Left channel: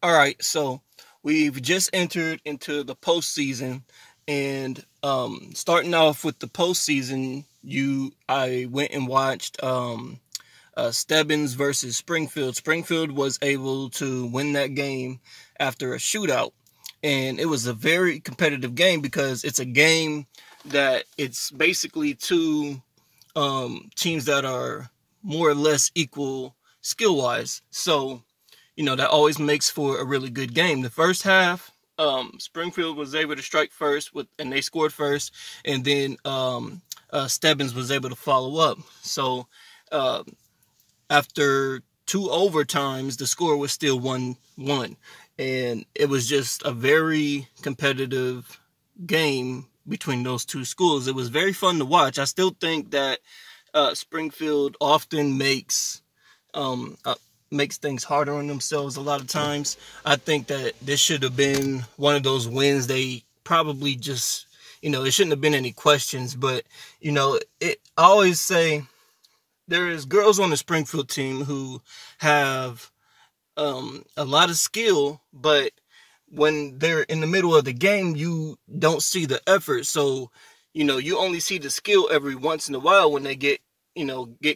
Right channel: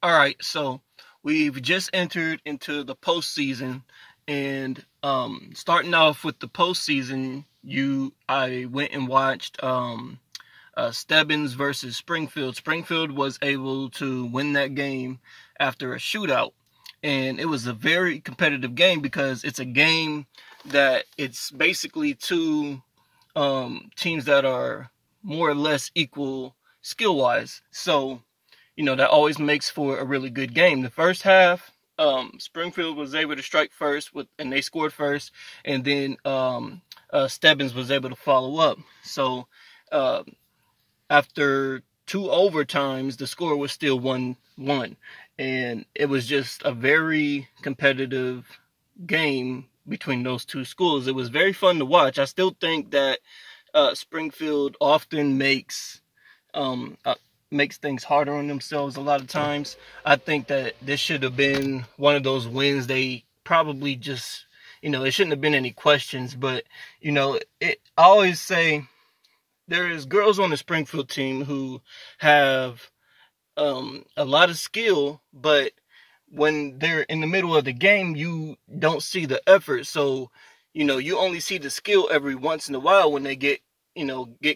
All right, so we've just entered into the postseason, and starting off with the postseason, I went and watched Stebbins versus Springfield. Springfield was able to win that game after a shootout, and it was a very competitive game because it's a game that it's basically two teams that are more or less equal skill wise. So that always makes for a really good game. The first half, Springfield was able to strike first, and they scored first, and then Stebbins was able to follow up. So after two overtimes, the score was still 1-1, and it was just a very competitive game between those two schools. It was very fun to watch. I still think that Springfield often makes things harder on themselves a lot of times. I think that this should have been one of those wins. They probably just, there shouldn't have been any questions. But, I always say there is girls on the Springfield team who have a lot of skill, but when they're in the middle of the game, you don't see the effort. So, you only see the skill every once in a while when they get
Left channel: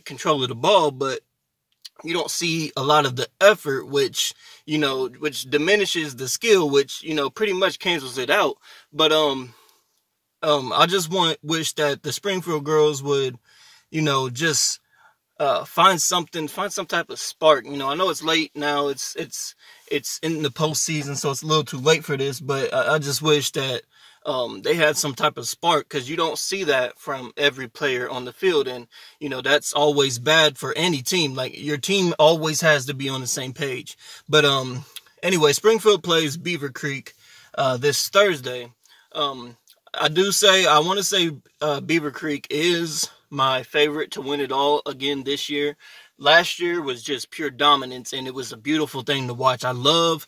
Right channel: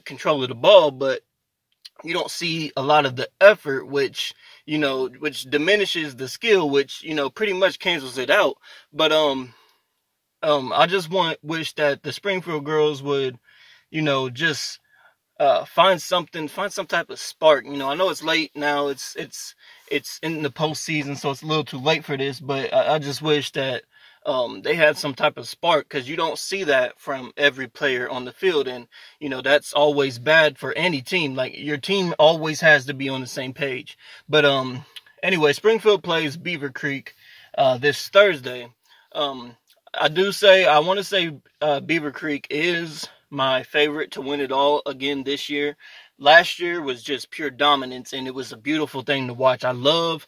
control of the ball, but you don't see a lot of the effort, which diminishes the skill, which, pretty much cancels it out. But, I just wish that the Springfield girls would, just, find some type of spark. I know it's late now. It's in the postseason, so it's a little too late for this, but I just wish that they had some type of spark, because you don't see that from every player on the field. And, that's always bad for any team. Like, your team always has to be on the same page. But anyway, Springfield plays Beavercreek this Thursday. I want to say Beavercreek is my favorite to win it all again this year. Last year was just pure dominance, and it was a beautiful thing to watch. I love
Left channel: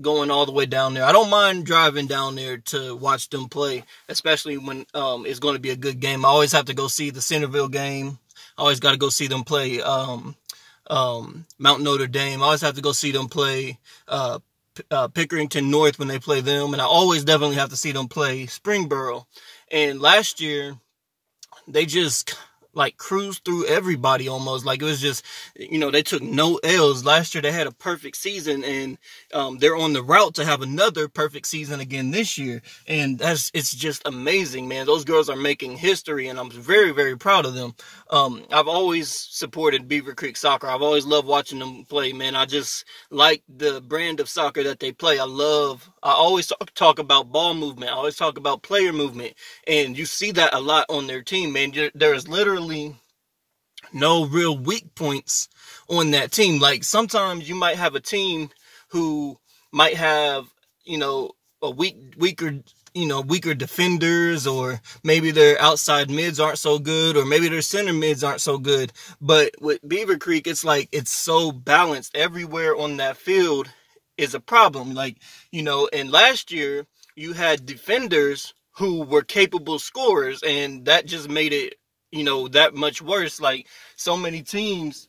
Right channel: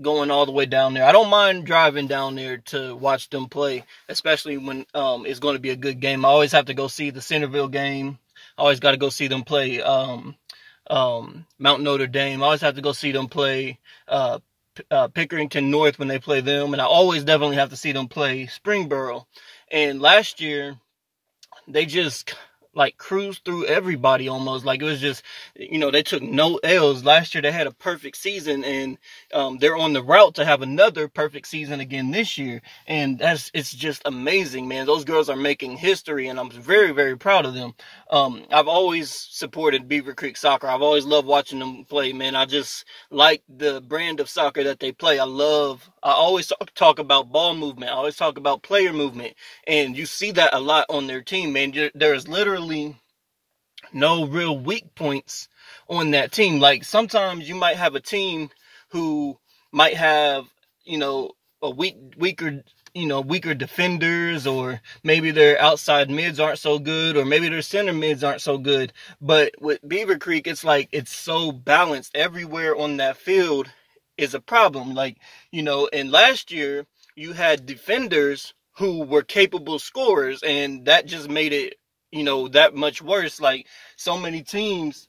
going all the way down there. I don't mind driving down there to watch them play, especially when it's going to be a good game. I always have to go see the Centerville game. I always got to go see them play Mount Notre Dame. I always have to go see them play Pickerington North when they play them. And I always definitely have to see them play Springboro. And last year, they just cruised through everybody almost. Like, it was just, they took no L's. Last year they had a perfect season, and they're on the route to have another perfect season again this year. And it's just amazing, man. Those girls are making history, and I'm very, very proud of them. I've always supported Beavercreek soccer. I've always loved watching them play, man. I just like the brand of soccer that they play. I always talk about ball movement. I always talk about player movement, and you see that a lot on their team, man. There's literally no real weak points on that team. Like, sometimes you might have a team who might have, a weaker defenders, or maybe their outside mids aren't so good, or maybe their center mids aren't so good. But with Beavercreek, it's so balanced. Everywhere on that field is a problem. And last year you had defenders who were capable scorers, and that just made it that much worse. Like, so many teams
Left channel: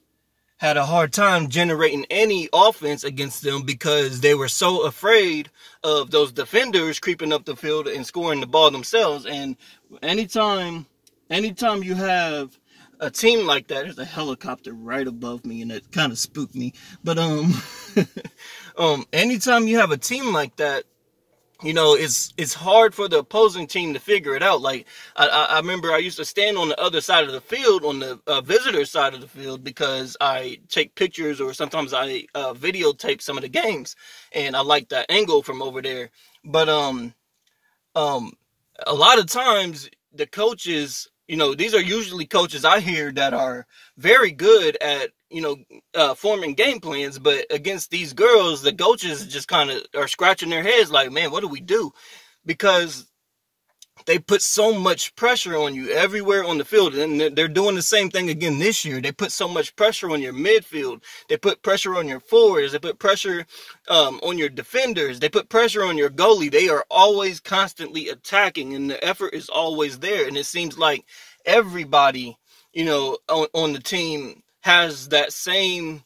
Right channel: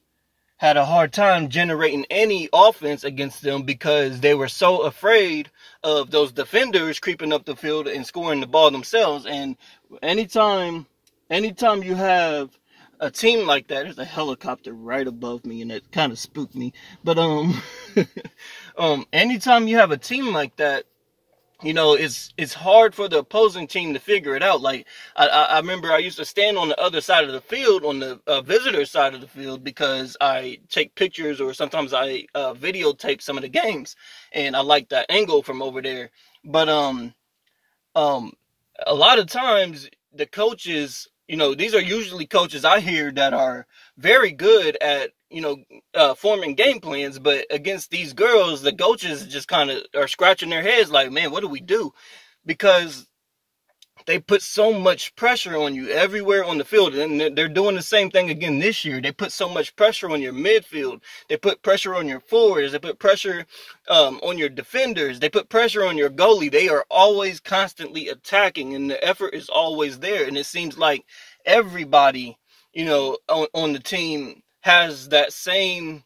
had a hard time generating any offense against them because they were so afraid of those defenders creeping up the field and scoring the ball themselves. And anytime you have a team like that, there's a helicopter right above me, and it kind of spooked me. But anytime you have a team like that, it's hard for the opposing team to figure it out. Like, I remember I used to stand on the other side of the field, on the visitor side of the field, because I take pictures, or sometimes I videotape some of the games, and I like that angle from over there. But a lot of times the coaches, these are usually coaches I hear that are very good at forming game plans, but against these girls, the coaches just kind of are scratching their heads like, man, what do we do? Because they put so much pressure on you everywhere on the field, and they're doing the same thing again this year. They put so much pressure on your midfield. They put pressure on your forwards. They put pressure on your defenders. They put pressure on your goalie. They are always constantly attacking, and the effort is always there. And it seems like everybody, on the team has that same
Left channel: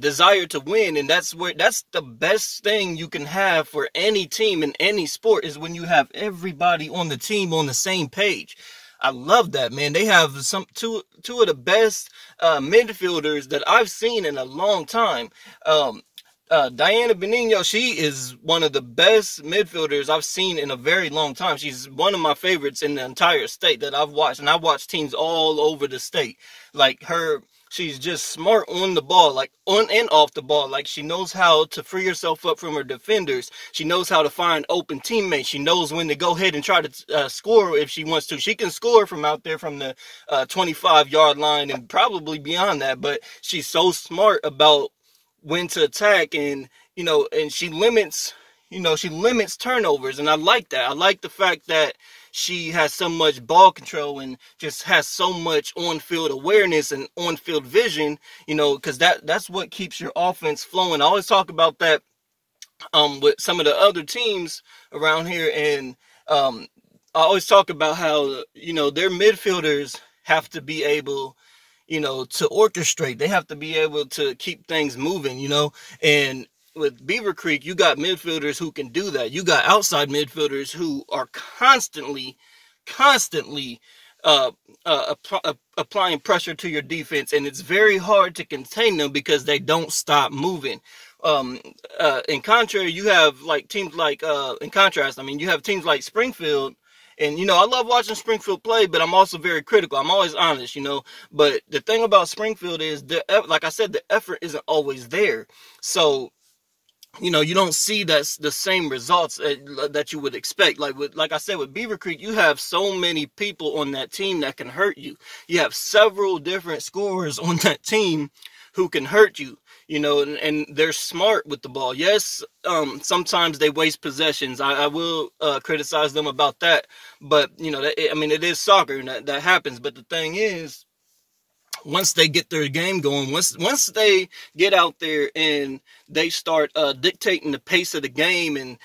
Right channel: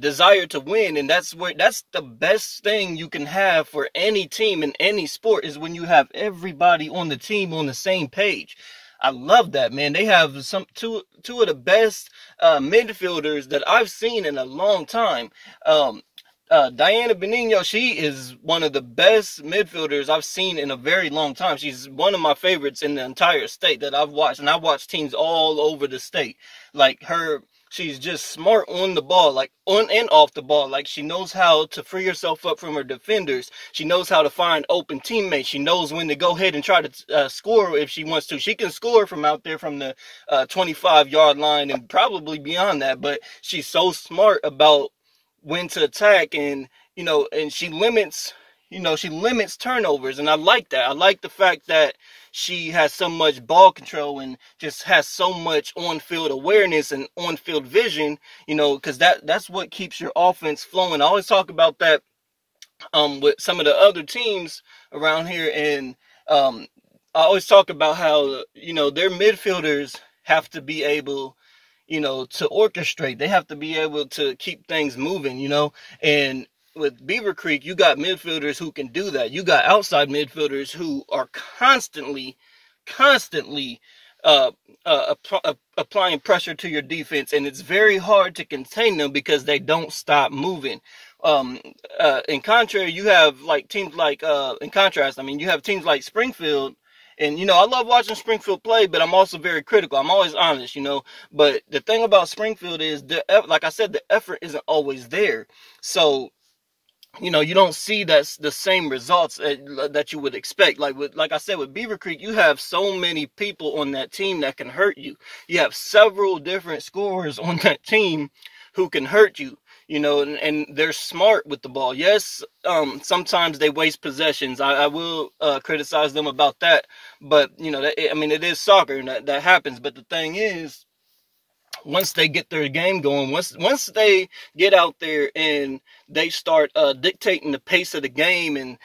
desire to win. And that's the best thing you can have for any team in any sport, is when you have everybody on the team on the same page. I love that, man. They have two of the best midfielders that I've seen in a long time. Diana Benigno, she is one of the best midfielders I've seen in a very long time. She's one of my favorites in the entire state that I've watched, and I've watched teams all over the state. Like her, she's just smart on the ball, like on and off the ball. Like, she knows how to free herself up from her defenders. She knows how to find open teammates. She knows when to go ahead and try to score if she wants to. She can score from out there from the 25-yard line and probably beyond that, but she's so smart about when to attack, and and she limits turnovers, and I like that. I like the fact that she has so much ball control and just has so much on-field awareness and on-field vision, because that's what keeps your offense flowing. I always talk about that with some of the other teams around here, and I always talk about how their midfielders have to be able to orchestrate. They have to be able to keep things moving, and with Beavercreek, you got midfielders who can do that. You got outside midfielders who are constantly applying pressure to your defense, and it's very hard to contain them because they don't stop moving. In contrast, you have teams like Springfield. And, I love watching Springfield play, but I'm also very critical. I'm always honest, But the thing about Springfield is, like I said, the effort isn't always there. So, you don't see the same results that you would expect. Like I said, with Beavercreek, you have so many people on that team that can hurt you. You have several different scorers on that team who can hurt you. And they're smart with the ball. Yes, sometimes they waste possessions. I will criticize them about that. But, it is soccer, and that happens. But the thing is, once they get their game going, once they get out there and they start dictating the pace of the game, and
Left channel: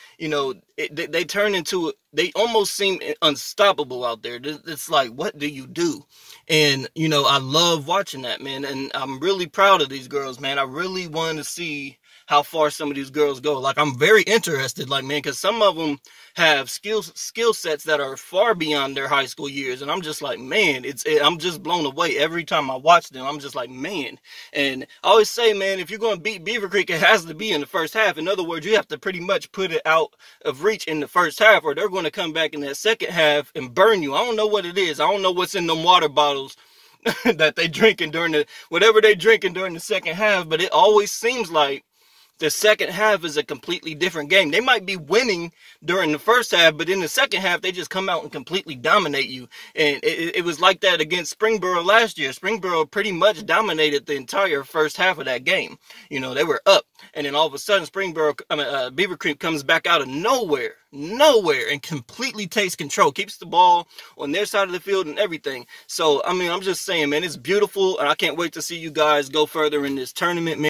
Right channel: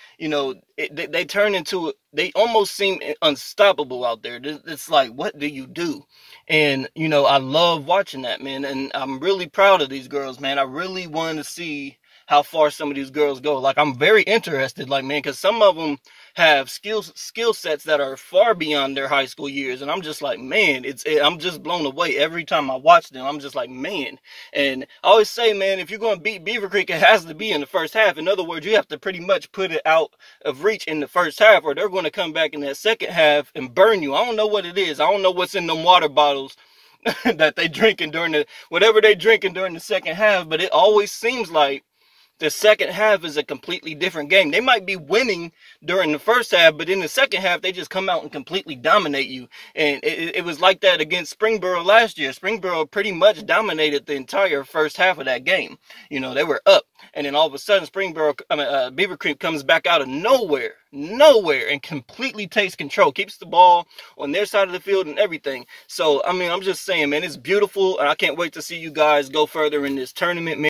they turn into, they almost seem unstoppable out there. It's like, what do you do? And I love watching that, man, and I'm really proud of these girls, man. I really want to see how far some of these girls go. Like, I'm very interested, man, because some of them have skill sets that are far beyond their high school years, and I'm just like, man, I'm just blown away every time I watch them. I'm just like, man. And I always say, man, if you're going to beat Beavercreek, it has to be in the first half. In other words, you have to pretty much put it out of reach in the first half, or they're going to come back in that second half and burn you. I don't know what it is. I don't know what's in them water bottles that they drinking whatever they drinking during the second half, but it always seems like the second half is a completely different game. They might be winning during the first half, but in the second half, they just come out and completely dominate you. And it was like that against Springboro last year. Springboro pretty much dominated the entire first half of that game. They were up. And then all of a sudden, Beavercreek comes back out of nowhere, and completely takes control, keeps the ball on their side of the field and everything. So, I'm just saying, man, it's beautiful. And I can't wait to see you guys go further in this tournament, man.